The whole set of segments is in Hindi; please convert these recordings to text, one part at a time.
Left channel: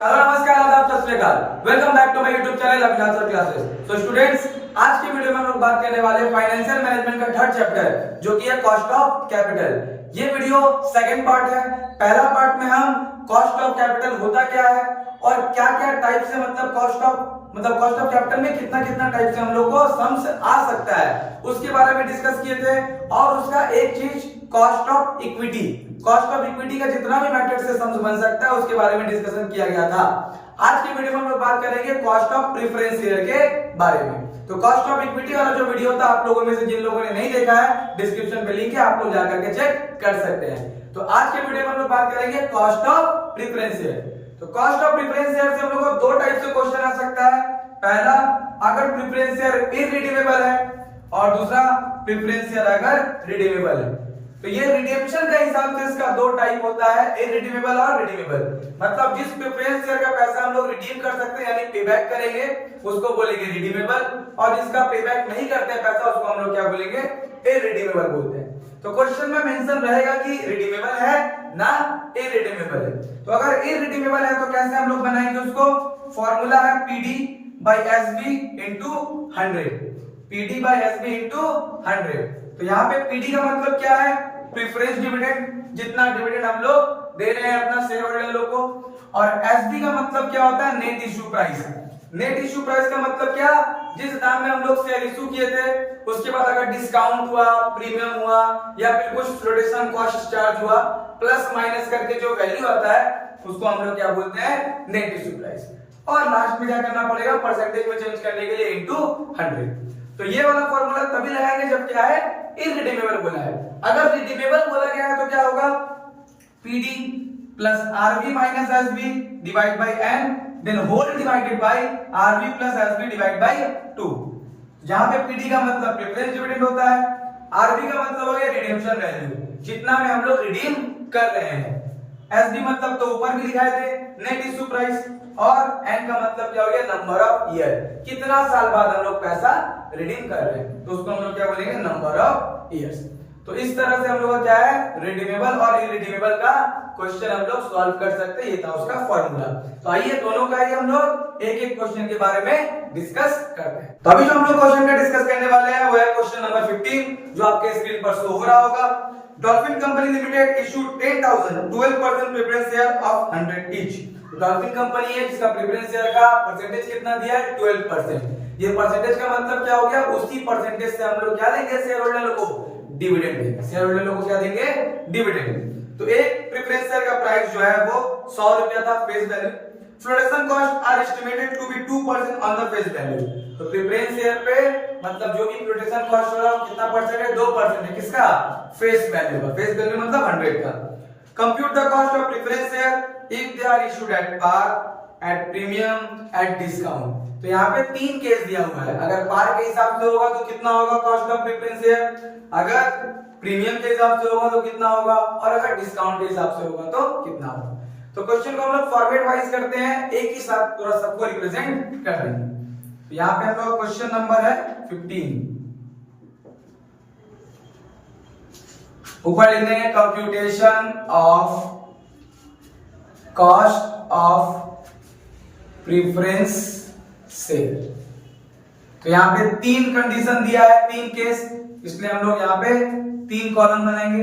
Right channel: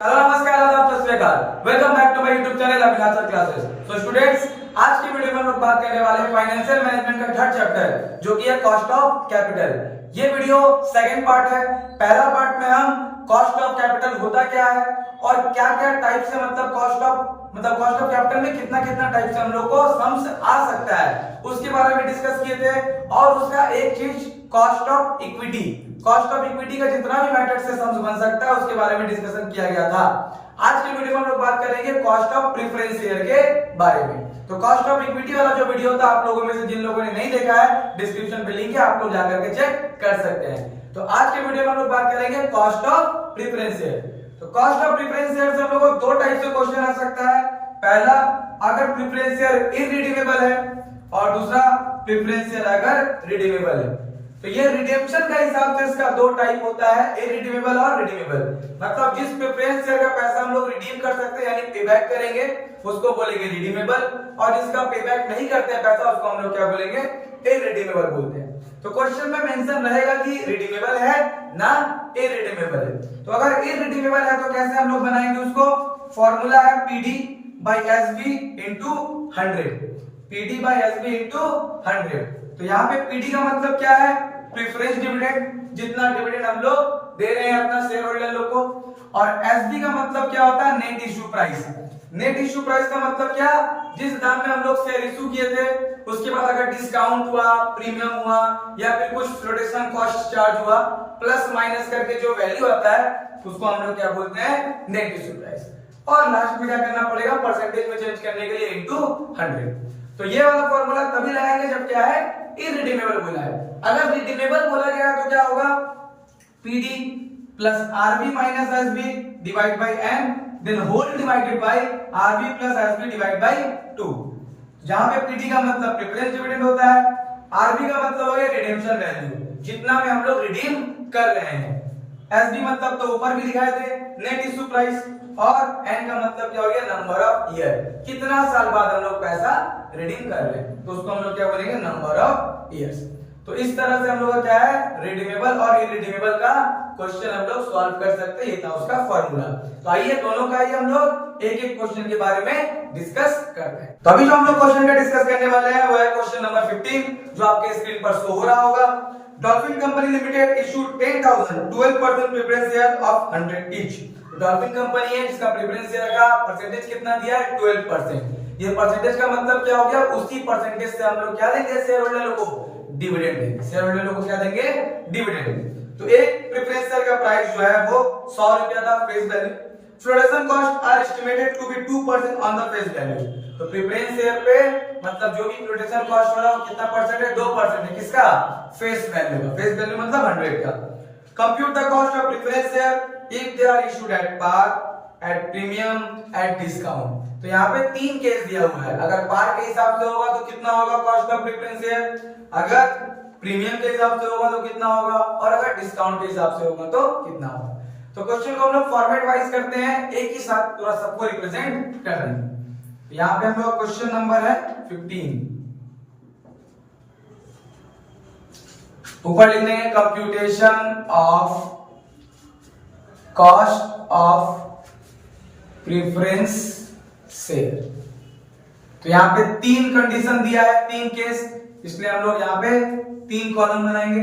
हेलो नमस्कार आदाब सत श्री अकाल। Welcome back to my YouTube channel Abhilash classes. So students, आज की वीडियो में हम लोग बात करने वाले हैं फाइनेंशियल मैनेजमेंट का थर्ड चैप्टर जो कि है कॉस्ट ऑफ कैपिटल। ये वीडियो सेकंड पार्ट है। पहला पार्ट में हम कॉस्ट ऑफ कैपिटल होता क्या है और क्या क्या टाइप से कॉस्ट ऑफ कैपिटल में कितना कितना टाइप से हम लोग को सम्स आ सकता है उसके बारे में डिस्कस किए थे। और उसका एक चीज कॉस्ट ऑफ इक्विटी का जितना भी मेथड से सम्स बन सकता है उसके बारे में डिस्कशन किया गया था। आज की वीडियो में हम लोग बात करेंगे कॉस्ट ऑफ प्रेफरेंस शेयर के बारे में। तो कॉस्ट ऑफ इक्विटी वाला जो वीडियो था, आप लोगों में से जिन लोगों ने नहीं देखा है, डिस्क्रिप्शन पे लिंक है, आप लोग जाकर के चेक कर सकते हैं। तो आज के वीडियो में हम लोग बात करेंगे कॉस्ट ऑफ प्रेफरेंस शेयर। तो कॉस्ट ऑफ प्रेफरेंस शेयर से हम लोग को दो टाइप से क्वेश्चन आ सकता है। पहला, अगर प्रेफरेंस शेयर इररिडीमेबल है, और दूसरा प्रेफरेंस शेयर अगर रिडीमेबल है। तो ये रिडेम्पशन का हिसाब से इसका दो टाइप होता है, इररिडीमेबल और रिडीमेबल। मतलब जिस प्रेफरेंस शेयर का पैसा हम लोग रिडीम कर सकते हैं यानी पेबैक करेंगे उसको बोलेंगे रिडीमेबल, और जिसका पेबैक नहीं करते हैं पैसा उसको हम लोग क्या बोलेंगे, इररिडीमेबल बोलते हैं। तो क्वेश्चन में मेंशन रहेगा कि रिडीमेबल है ना इररिडीमेबल है। तो अगर इररिडीमेबल है तो कैसे हम लोग बनाएंगे उसको? फॉर्मूला है PD by SB into 100। PD by SB into 100। तो यहाँ पे PD का मतलब क्या है? प्रेफरेंस डिविडेंड, जितना डिविडेंड हम लोग दे रहे हैं अपना शेयर होल्डर लोग को। और SB का मतलब क्या होता है? Net issue price. Net issue price का मतलब क्या? जिस दाम में हम लोग शेयर इशू किए थे उसके बाद अगर डिस्काउंट हुआ, प्रीमियम हुआ या फिर कुछ फ्लोटेशन कॉस्ट चार्ज हुआ, प्लस माइनस करके जो वैल्यू आता है उसको हम लोग क्या बोलते हैं? Net issue price. और लास्ट में क्या करना पड़ेगा? परसेंटेज में चेंज करने के लिए इनटू 100। तो ये वाला फॉर्मूला तभी लगाएंगे जब क्या है? इररिडीमेबल बोला है। अगर रिडीमेबल बोला गया तो क्या होगा? PD plus RB minus SB divide by N then whole divided by RB plus SB divide by 2। जहां पे PD का मतलब प्रेफरेंस डिविडेंड होता है, RB का मतलब हो गया रिडेम्पशन वैल्यू, जितना में हम लोग रिडीम कर रहे हैं। SB मतलब तो ऊपर भी लिखाए थे नेट इश्यू प्राइस, और N का मतलब क्या हो गया? नंबर ऑफ ईयर, कितना साल बाद हम लोग पैसा रिडीम कर रहे हैं, तो उसको हम लोग क्या बोलेंगे? Number of years. तो इस तरह से हम लोग क्या है, रिडीमेबल और इररिडीमेबल का क्वेश्चन हम लोग सॉल्व कर सकते हैं। ये था उसका फॉर्मूला। तो आइए दोनों का ही हम लोग एक एक क्वेश्चन के बारे में डिस्कस करते हैं। तो अभी जो हम लोग क्वेश्चन का डिस्कस करने वाले हैं वो है क्वेश्चन नंबर 15, जो आपके स्क्रीन पर शो हो रहा होगा। Dolphin company limited issued 10,000 12% preference share of 100 each. Dolphin company है जिसका प्रेफरेंस शेयर का परसेंटेज कितना दिया है? 12%। ये परसेंटेज का मतलब क्या हो गया? उसी परसेंटेज से हम लोग क्या देंगे शेयर होल्डर लोगों को? डिविडेंड देंगे। शेयर होल्डर लोगों को क्या देंगे? डिविडेंड। तो एक प्रेफरेंस शेयर का प्राइस जो है वो 100 रुपया था face value. Floatation cost are estimated to be 2% on the face value. तो प्रेफरेंस शेयर पे मतलब जो भी फ्लोटेशन कॉस्ट हो रहा है कितना परसेंट है? 2% है। किसका? फेस वैल्यू का। फेस वैल्यू मतलब 100 का। Compute the cost of preference share if they are issued at par, at premium, at discount. तो यहाँ पे तीन केस दिया हुआ है। अगर पार के हिसाब से होगा तो कितना होगा कॉस्ट ऑफ प्रेफरेंस शेयर, अगर प्रीमियम के हिसाब से होगा तो कितना होगा, और अगर डिस्काउंट के हिसाब से होगा तो कितना होगा। तो क्वेश्चन को हम लोग फॉर्मेट वाइज करते हैं, एक ही साथ पूरा सबको रिप्रेजेंट कर रहे हैं। तो यहाँ पे हम लोग क्वेश्चन नंबर है 15, ऊपर लिख देंगे computation of cost of preference share. तो यहाँ पे तीन कंडीशन दिया है, तीन केस, इसलिए हम लोग यहाँ पे तीन कॉलम बनाएंगे।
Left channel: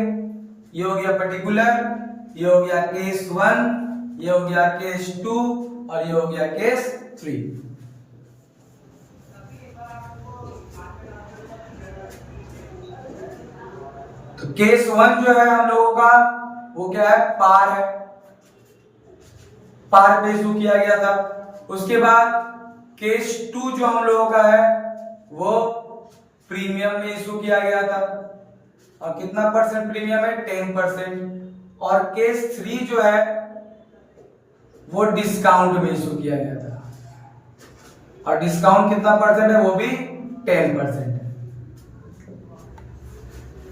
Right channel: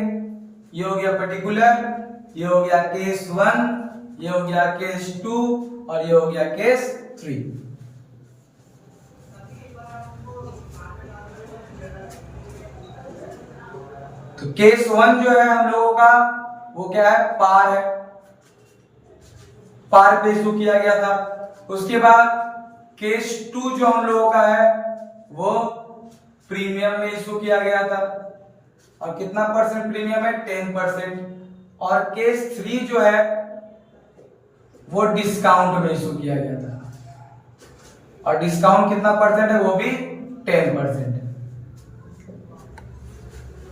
ये हो गया पर्टिकुलर, ये हो गया केस 1, ये हो गया केस 2 और ये हो गया केस 3। तो केस 1 जो है हम लोगों का वो क्या है? पार है, पार पे इशू किया गया था। उसके बाद केस 2 जो हम लोगों का है वो प्रीमियम में इशू किया गया था, और कितना परसेंट प्रीमियम है? 10%। और केस 3 जो है वो डिस्काउंट में इशू किया गया था, और डिस्काउंट कितना परसेंट है? वो भी 10%।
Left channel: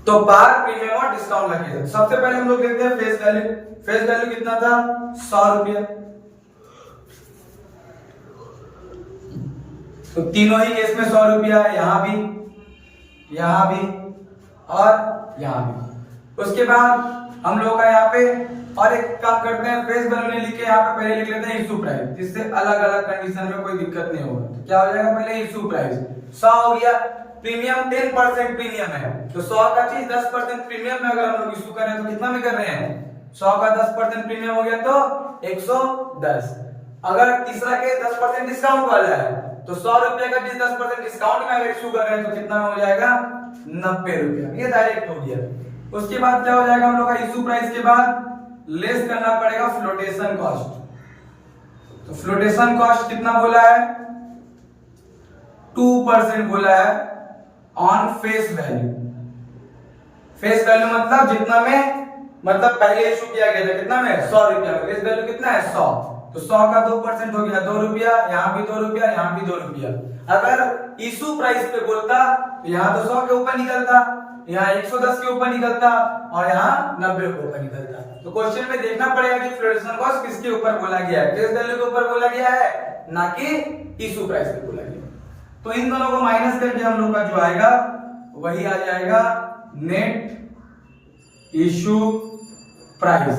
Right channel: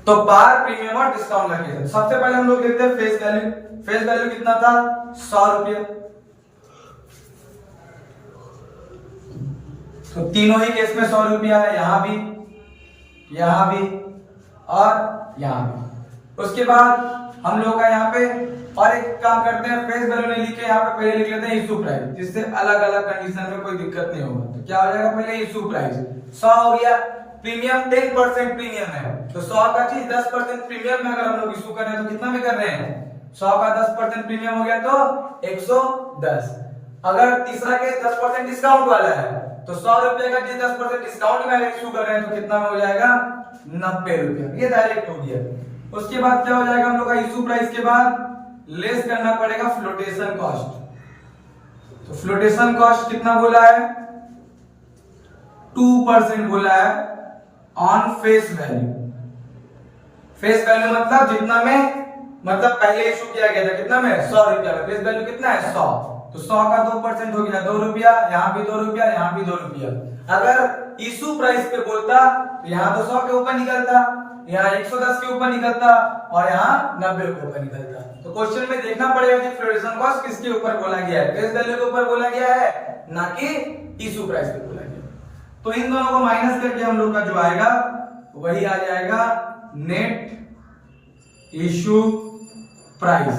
तो पार, प्रीमियम और डिस्काउंट लगे। सबसे पहले हम लोग लिखते हैं फेस वैल्यू। फेस वैल्यू कितना था? 100 रुपये। तो तीनों ही केस में 100 रुपया है, यहां भी और यहां भी। उसके बाद हम लोग का यहाँ पे और एक काम करते हैं, फेस वैल्यू नहीं लिखे यहाँ पे पहले लिख लेते हैं इशू प्राइस, जिससे अलग अलग कंडीशन में कोई दिक्कत नहीं होगा। तो क्या हो जाएगा, पहले इशू प्राइस 100 हो गया। प्रीमियम 10% प्रीमियम है, तो 100 का चीज 10% प्रीमियम में अगर हम लोग इशू कर रहे हैं तो कितना में कर रहे हैं, 100 का 10% प्रीमियम हो गया तो 110। अगर तीसरा के 10% डिस्काउंट वाला है तो 100 रुपए का चीज 10% डिस्काउंट में अगर इशू कर रहे हैं तो कितना में हो जाएगा, 90 रुपए। ये डायरेक्ट हो गया। उसके बाद क्या हो जाएगा, हम लोग का इशू प्राइस के बाद लेस करना पड़ेगा फ्लोटेशन कॉस्ट। तो फ्लोटेशन कॉस्ट कितना बोला है, 2% बोला है on face value. Face value मतलब जितना में, मतलब पहले इशू किया गया था कितना में, 100 रुपया में। फेस वैल्यू कितना है, 100, तो 100 का 2% हो गया 2 रुपया, यहाँ भी 2 रुपया, यहाँ भी 2 रुपया। अगर इशू प्राइस पे बोलता तो यहाँ तो 100 के ऊपर निकलता, यहाँ 110 के ऊपर निकलता और यहाँ 90 के ऊपर निकलता। तो क्वेश्चन में देखना पड़ेगा कि फ्लोटेशन कॉस्ट किसके ऊपर बोला गया है, फेस वैल्यू के ऊपर बोला गया है ना कि इशू प्राइस पे बोला गया। तो इन दोनों को माइनस करके हम लोग का जो आएगा वही आ जाएगा नेट इशू प्राइस,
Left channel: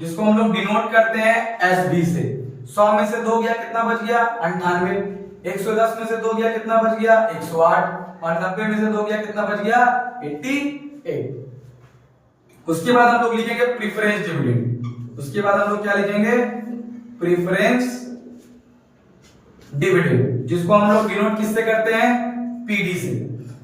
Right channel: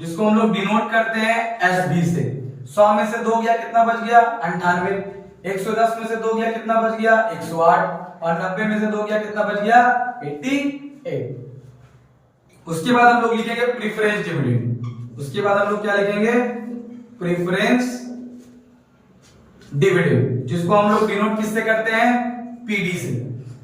जिसको हम लोग डिनोट करते हैं एसबी से। 100 में से 2 गया कितना बच गया, 98। 110 में से 2 गया कितना बच गया, 108। और 90 में से 2 गया कितना बच गया, 88। उसके बाद हम लोग लिखेंगे प्रेफरेंस डिविडेंड। उसके बाद हम लोग क्या लिखेंगे, प्रेफरेंस डिविडेंड, जिसको हम लोग डिनोट किससे करते हैं, पीडी से।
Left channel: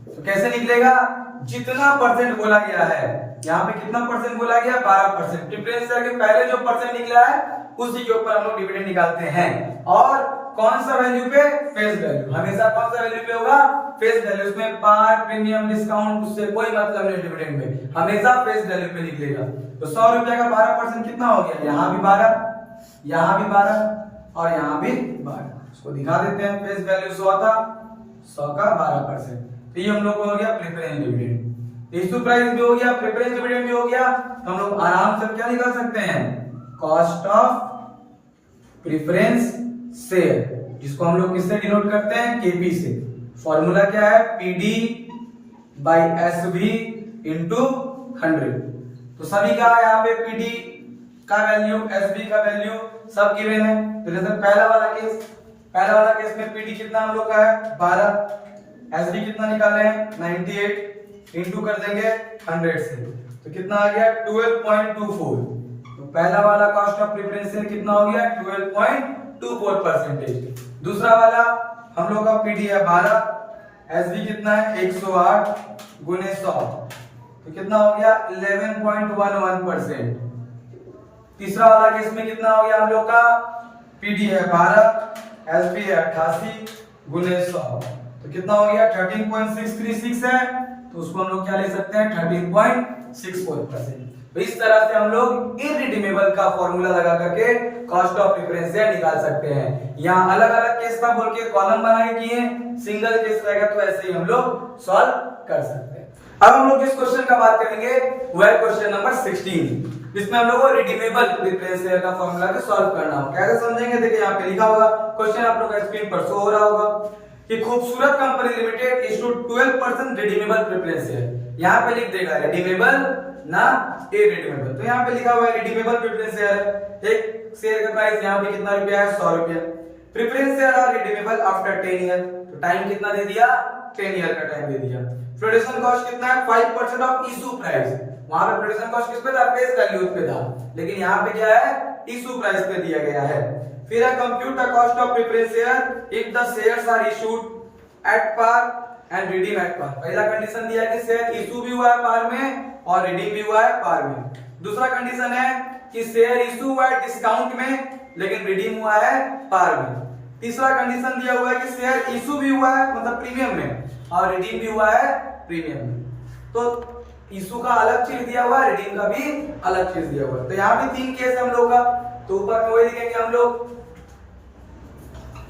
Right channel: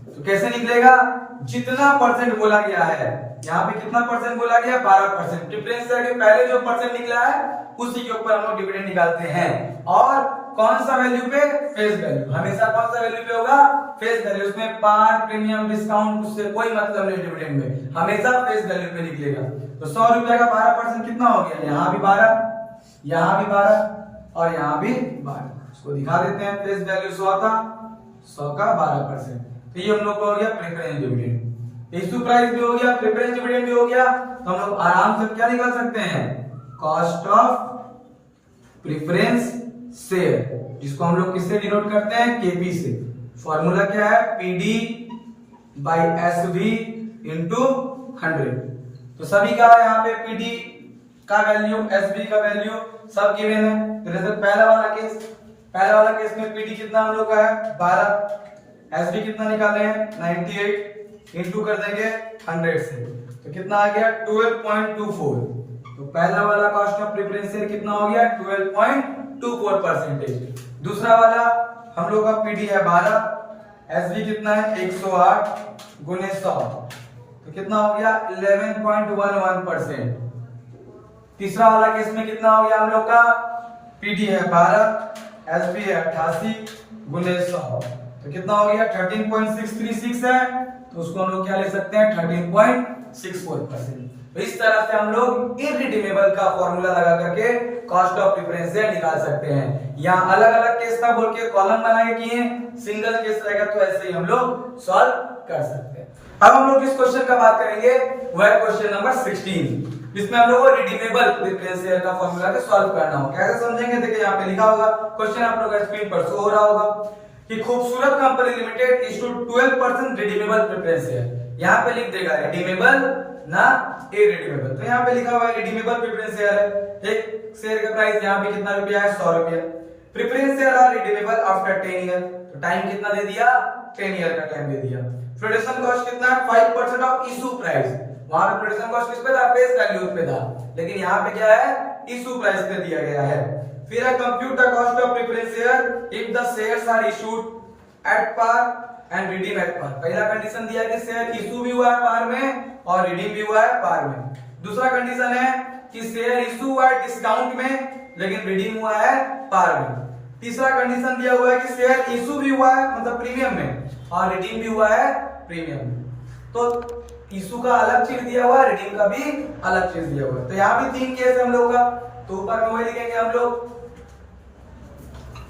तो कैसे निकलेगा, जितना परसेंट बोला गया है, यहाँ पे कितना परसेंट बोला गया, 12%। प्रेफरेंस शेयर के पहले जो परसेंट निकला है उसी के ऊपर हम लोग डिविडेंड निकालते हैं। और कौन सा वैल्यू पे, फेस वैल्यू। हमेशा कौन सा वैल्यू पे होगा, फेस वैल्यू। इसमें पार, प्रीमियम, डिस्काउंट उससे कोई मतलब नहीं डिविडेंड में, हमेशा फेस वैल्यू पे निकलेगा। तो 100 रुपए का 12% कितना हो गया, यहाँ भी 12, यहाँ भी 12 और यहाँ भी 12। इसको दिखा देते हैं, फेस वैल्यू 100 का, 100 का 12%। तो ये हम लोग को हो गया प्रेफरेंस डिविडेंड। इशू प्राइस भी हो गया, प्रेफरेंस डिविडेंड भी हो गया। तो हम लोग आराम से क्या निकाल सकते हैं, कॉस्ट ऑफ प्रेफरेंस शेयर, जिसको हम लोग किससे डिनोट करते हैं, केपी से। फॉर्मूला क्या है, पीडी बाई एसवी इंटू 100। तो सभी का यहाँ पे पीडी का वैल्यू, एसवी का वैल्यू सब गिवन है। तो जैसे पहला वाला केस में पीडी कितना हम लोग का है, 12। एसवी कितना निकाले हैं, 98 इंटू कर देंगे 100 से, तो कितना आ गया, 12.24। तो पहला वाला कॉस्ट ऑफ प्रेफरेंस शेयर कितना हो गया, 12.24%। दूसरा वाला हम लोग का पीडी है 12, एसवी कितना है, 108 गुने 100, तो कितना हो गया, 11.11%। तीसरा वाला केस में कितना हो गया, हम लोग का पीडी है 12, एसवी है 88 गुने 100, तो कितना हो गया, 13.636 है। तो उसको हम लोग क्या ले सकते हैं, 13.64%। तो इस तरह से हम लोग इररिडीमेबल का फॉर्मूला लगा करके कॉस्ट ऑफ प्रेफरेंस शेयर निकाल सकते हैं। यहाँ अलग अलग केस का बोल के कॉलम बना के किए, सिंगल केस रहेगा तो ऐसे ही हम लोग सॉल्व कर सकते हैं। अब हम लोग इस क्वेश्चन का बात करेंगे, वो है क्वेश्चन नंबर 16, जिसमें हम लोग को रिडीमेबल प्रेफरेंस शेयर का फॉर्मूला के सॉल्व करना हो। कैसे समझेंगे, देखिए यहाँ पे लिखा होगा, क्वेश्चन आप लोग का स्क्रीन पर शो हो रहा होगा कि खूबसूरत company limited issued 12% redeemable preference share. यहाँ पे लिख देगा रिडीमेबल ना इररिडीमेबल। तो यहाँ पे लिखा हुआ है रिडीमेबल प्रेफरेंस शेयर है। एक शेयर का प्राइस यहाँ पे कितना रुपया है, 100 रुपया। Preference share are redeemable after 10 year. तो टाइम कितना दे दिया, 10 ईयर का टाइम दे दिया। फ्लोटेशन कॉस्ट कितना है, 5% ऑफ इशू प्राइस। वहां पे फ्लोटेशन कॉस्ट किस पे था, फेस वैल्यू पे था, लेकिन यहाँ पे क्या है, इशू प्राइस पे दिया गया है। फिर है compute the cost of preference share if the shares are issued at par and redeem at par. पहला कंडीशन दिया है कि शेयर इशू भी हुआ है पार में और रिडीम भी हुआ है पार में। दूसरा कंडीशन है कि शेयर इशू हुआ है डिस्काउंट में लेकिन रिडीम हुआ है पार में। तीसरा कंडीशन दिया हुआ है कि शेयर इशू भी हुआ है मतलब प्रीमियम में और रिडीम भी हुआ है प्रीमियम में। तो इशू का अलग चीज दिया हुआ है, रिडीम का भी अलग चीज दिया हुआ है। तो यहाँ भी 3 केस है हम लोग का। तो ऊपर में वही लिखेंगे हम लोग,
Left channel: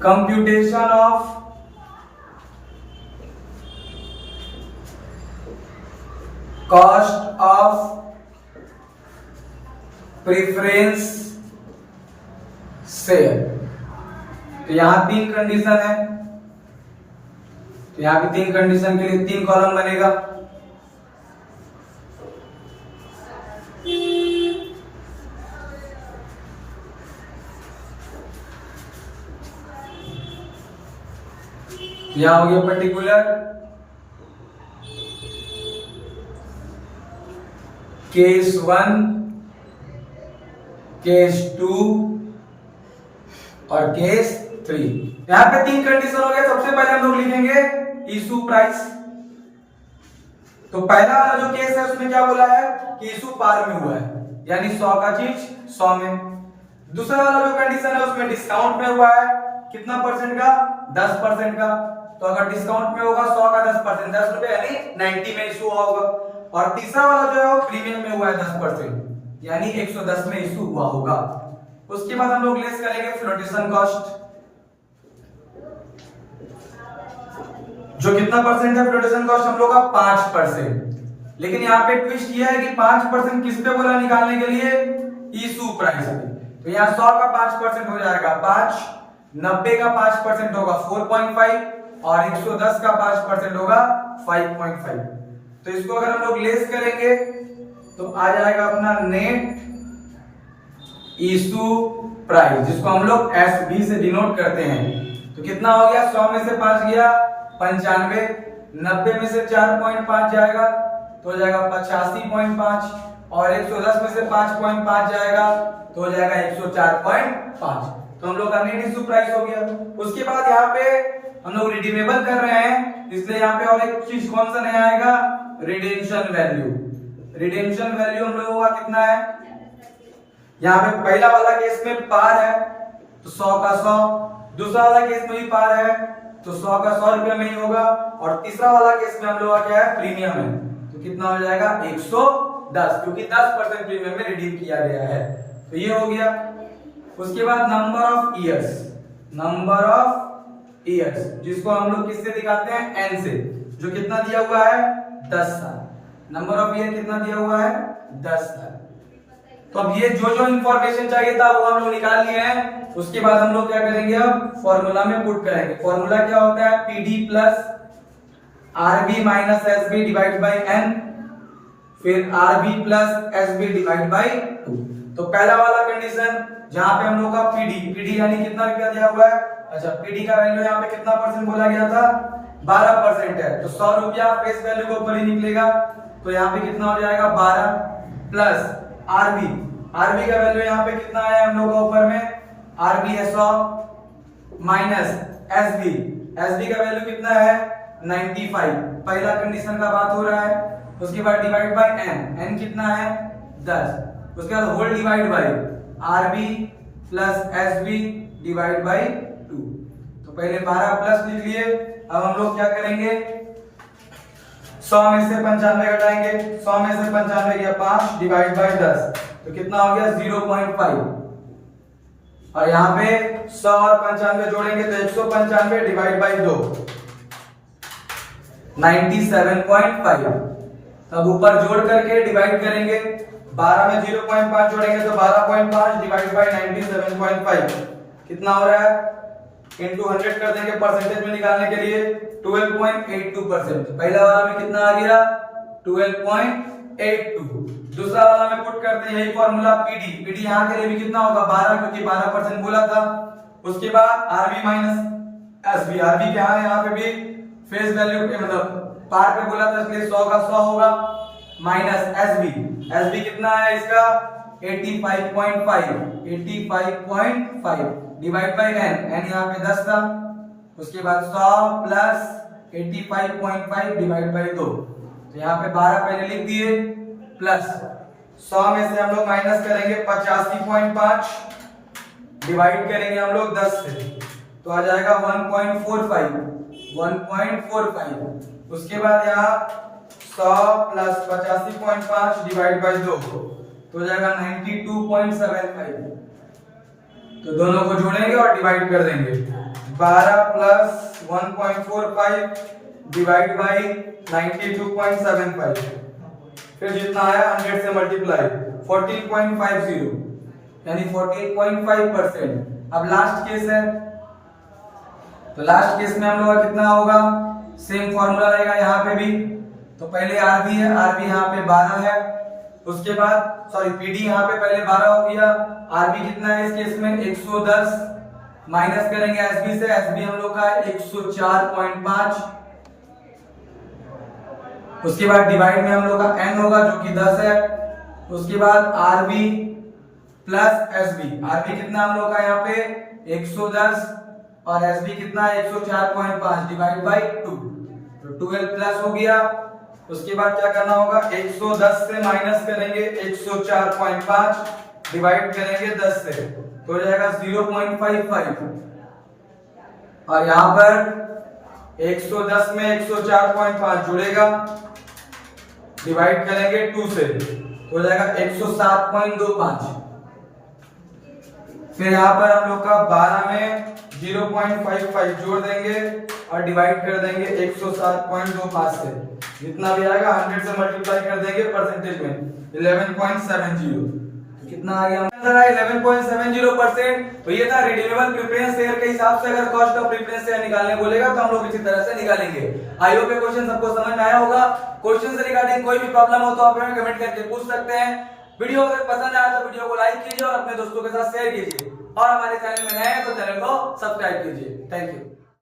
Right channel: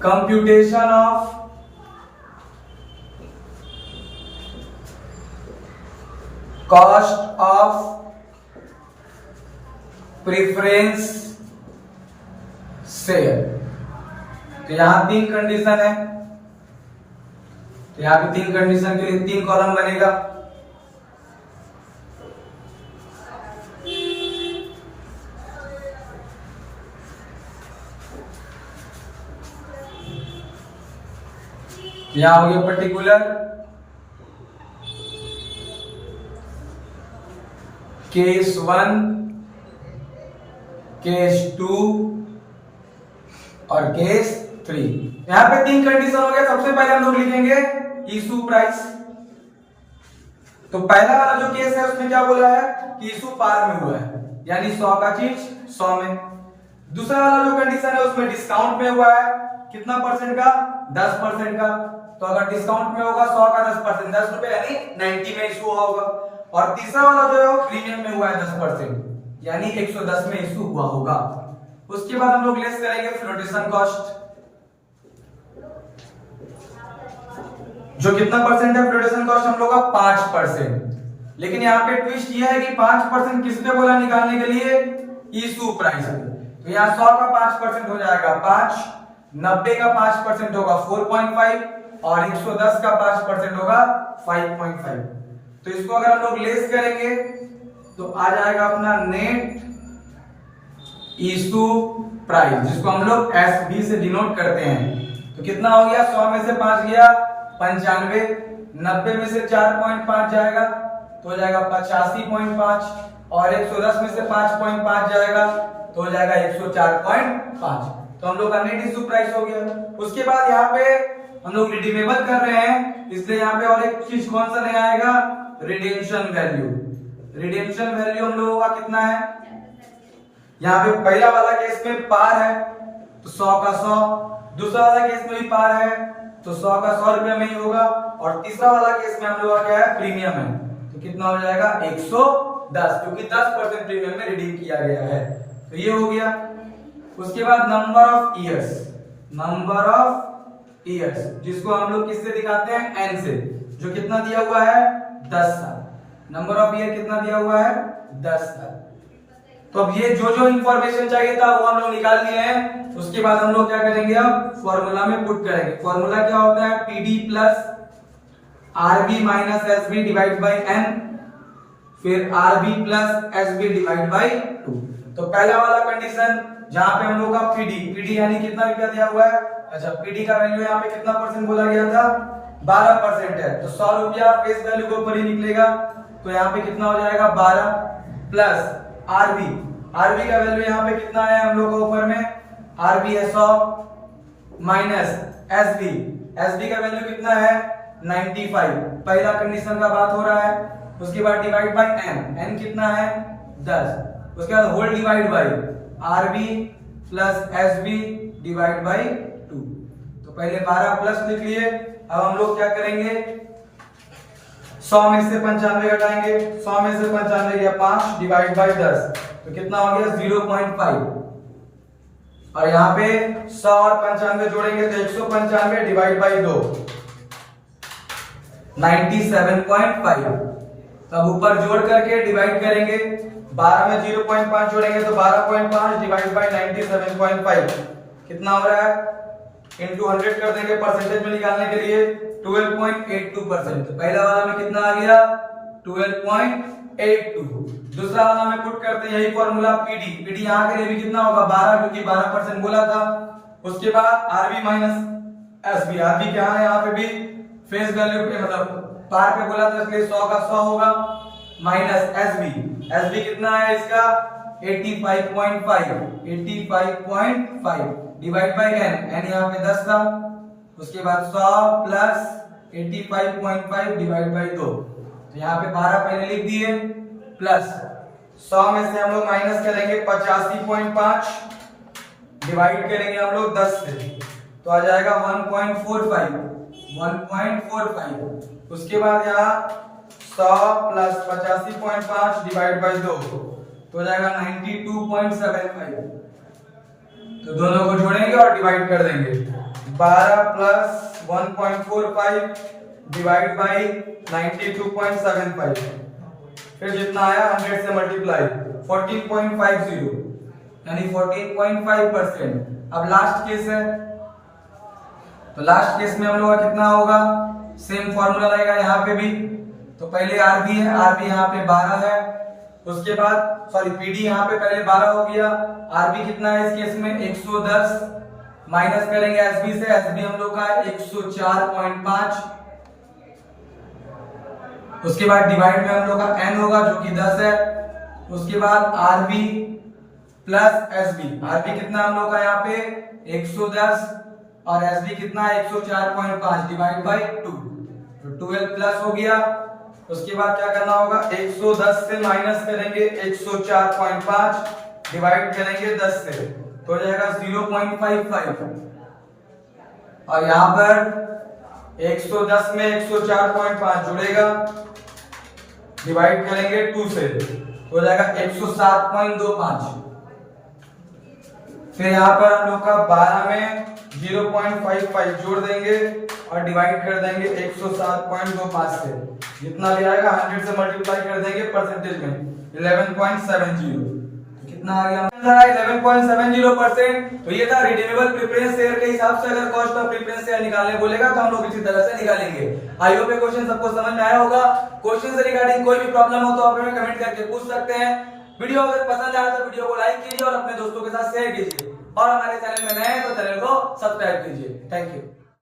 computation of cost of preference share. तो यहां 3 कंडीशन है, तो यहां पे 3 कंडीशन के लिए 3 कॉलम बनेगा। यहां हो गया पर्टिकुलर, केस 1, केस 2 और केस 3। यहां पे 3 कंडीशन हो गया। सबसे पहले हम लोग लिखेंगे इशू प्राइस। तो पहला वाला जो केस है उसमें क्या बोला है कि इशू पार में हुआ है, यानी 100 का चीज 100 में। दूसरा वाला जो कंडीशन है उसमें डिस्काउंट में हुआ है, कितना परसेंट का, 10% का। तो अगर डिस्काउंट में होगा 100 का 10%, 10 रुपए यानी 90 में इशू हुआ होगा। और तीसरा वाला जो है वो प्रीमियम में हुआ है 10%, यानी 110 में इशू हुआ होगा। उसके बाद हम लोग लेस करेंगे फ्लोटेशन कॉस्ट, जो कितना परसेंट है फ्लोटेशन कॉस्ट हम लोग का 5%। लेकिन यहाँ पे ट्विस्ट ये है कि 5% किस पे बोला निकालने के लिए, इशू प्राइस पे। तो यहाँ 100 का 5% हो जाएगा 5, 90 का 5% होगा 4.5 और 110 का 5% होगा 5.5। तो इसको अगर हम लोग लेस करेंगे तो आ जाएगा अपना नेट इशू प्राइस, जिसको हम लोग एसबी से डिनोट करते हैं। तो कितना हो गया, 100 में से 5 गया 95, 90 में से 4.5 जाएगा तो हो जाएगा 85.5 और 110 में से 5.5 जाएगा तो हो जाएगा 104.5। तो हम लोग का नेट इशू प्राइस हो गया। उसके बाद यहाँ पे हम लोग रिडीमेबल कर रहे हैं, इसलिए यहाँ पे और एक चीज कौन सा नहीं आएगा, रिडेम्पशन वैल्यू। रिडेम्पशन वैल्यू हम लोगों का कितना है, यहाँ पे पहला वाला केस में पार है तो 100 का 100, दूसरा वाला केस में भी पार है तो 100 का 100 रुपए में ही होगा, और तीसरा वाला केस में हम लोग का क्या है, प्रीमियम है। तो कितना हो जाएगा 110, क्योंकि 10% प्रीमियम में रिडीम किया गया है। तो ये हो गया। उसके बाद number of years, number of years जिसको हम लोग किससे दिखाते हैं, एन से, जो कितना दिया हुआ है 10 साल। नंबर ऑफ ईयर कितना दिया हुआ है 10 साल। तो अब ये जो जो इंफॉर्मेशन चाहिए था वो हम लोग निकाल लिए हैं। उसके बाद हम लोग क्या करेंगे, अब फॉर्मूला में पुट करेंगे। फॉर्मूला क्या होता है, PD plus RB minus SB divide by n, फिर RB plus SB divide by 2। तो पहला वाला कंडीशन जहां पे हम लोग का पीडी यानी कितना रुपया दिया हुआ है, अच्छा पीडी का वैल्यू यहाँ पे कितना परसेंट बोला गया था, 12% है। तो 100 रुपया फेस वैल्यू के ऊपर ही निकलेगा, तो यहाँ पे कितना हो जाएगा 12 प्लस आरबी, आरबी का वैल्यू यहाँ पे कितना है हम लोग का ऊपर में, आरबी है 100 माइनस एसबी, एसबी का वैल्यू कितना है 95, पहला कंडीशन का बात हो रहा है। उसके बाद डिवाइड बाय एन, एन कितना है 10, उसके बाद whole divide by RB plus SB divide by 2। तो पहले 12 प्लस लिख लिए। अब हम लोग क्या करेंगे, 100 में से 95 घटाएंगे, 100 में से 95 गया 5 डिवाइड बाय 10, तो कितना हो गया 0.5। और यहाँ पे 100 और 95 जोड़ेंगे तो 195 डिवाइड बाय 2, 97.5। तब ऊपर जोड़ करके डिवाइड करेंगे, 12 में 0.5 जोड़ेंगे तो 12.5 डिवाइड बाय 97.5 कितना हो रहा है, इनटू 100 कर देंगे परसेंटेज में निकालने के लिए 12.82%। पहला वाला में कितना आ गया 12.82, दूसरा वाला में पुट करते हैं यही फॉर्मूला पीडी, पीडी यहाँ के लिए भी कितना होगा 12, क्योंकि 12% बोला था। उसके बाद आरबी माइनस एसबी, आरबी क्या है यहाँ पे भी फेस वैल्यू पे मतलब पार पे बोला था, इसलिए 100 का 100 होगा माइनस एसबी, एसबी कितना है इसका 85.5, 85.5 डिवाइड बाय एन, एन यहाँ पे 10 था। उसके बाद 100 प्लस 85.5 डिवाइड बाय 2, तो यहाँ पे 12 पहले लिख दिए, प्लस 100 में से हम लोग माइनस करेंगे 85.5 डिवाइड करेंगे हम लोग 10 से, तो आ जाएगा 1.45, 1.45। उसके बाद यहाँ 100 प्लस 85.5 डिवाइड बाय 2, तो हो जाएगा 92.75। तो दोनों को जोड़ेंगे और डिवाइड कर देंगे, 12 प्लस 1.45 डिवाइड बाई 92.75, फिर जितना आया 100 से मल्टीप्लाई 14.50 यानी 14.5%। अब लास्ट केस है, तो लास्ट केस में हम लोग का कितना होगा, सेम फॉर्मूला रहेगा यहाँ पे भी। तो पहले आरबी है, आरबी यहाँ पे 12 है, उसके बाद सॉरी पीडी यहाँ पे पहले 12 हो गया, आरबी कितना है इस केस में 110 माइनस करेंगे एसबी से, एसबी हम लोग का है 104.5। उसके बाद डिवाइड में हम लोग का एम होगा जो कि 10 है। उसके बाद आरबी प्लस एसबी, आरबी कितना हम लोग का यहाँ पे 110 और एसबी कितना है 104.5 डिवाइड बाय 2, तो 12 प्लस हो गया। उसके बाद क्या करना होगा, 110 से माइनस करेंगे 104.5 डिवाइड करेंगे 10 से, तो हो जाएगा 0.55 और यहाँ पर 110 में 104.5 जुड़ेगा, डिवाइड करेंगे 2 से, तो हो जाएगा 107.25। फिर यहाँ पर हम लोग का 12 में 0.55 जोड़ देंगे और डिवाइड कर देंगे 107.25 से, जितना भी आएगा 100 से मल्टीप्लाई कर देंगे परसेंटेज में 11.70, कितना आ गया 11.70%। तो ये था रिडीमेबल प्रेफरेंस शेयर के हिसाब से अगर कॉस्ट ऑफ प्रेफरेंस शेयर निकालने बोलेगा तो हम लोग इसी तरह से निकालेंगे। आई होप ये क्वेश्चन सबको समझ में आया होगा। क्वेश्चन से रिगार्डिंग कोई भी प्रॉब्लम हो तो आप हमें कमेंट करके पूछ सकते हैं। वीडियो अगर पसंद आया तो वीडियो को लाइक कीजिए और अपने दोस्तों के साथ शेयर कीजिए और हमारे चैनल में नए हैं तो चैनल को सब्सक्राइब कीजिए। Thank you.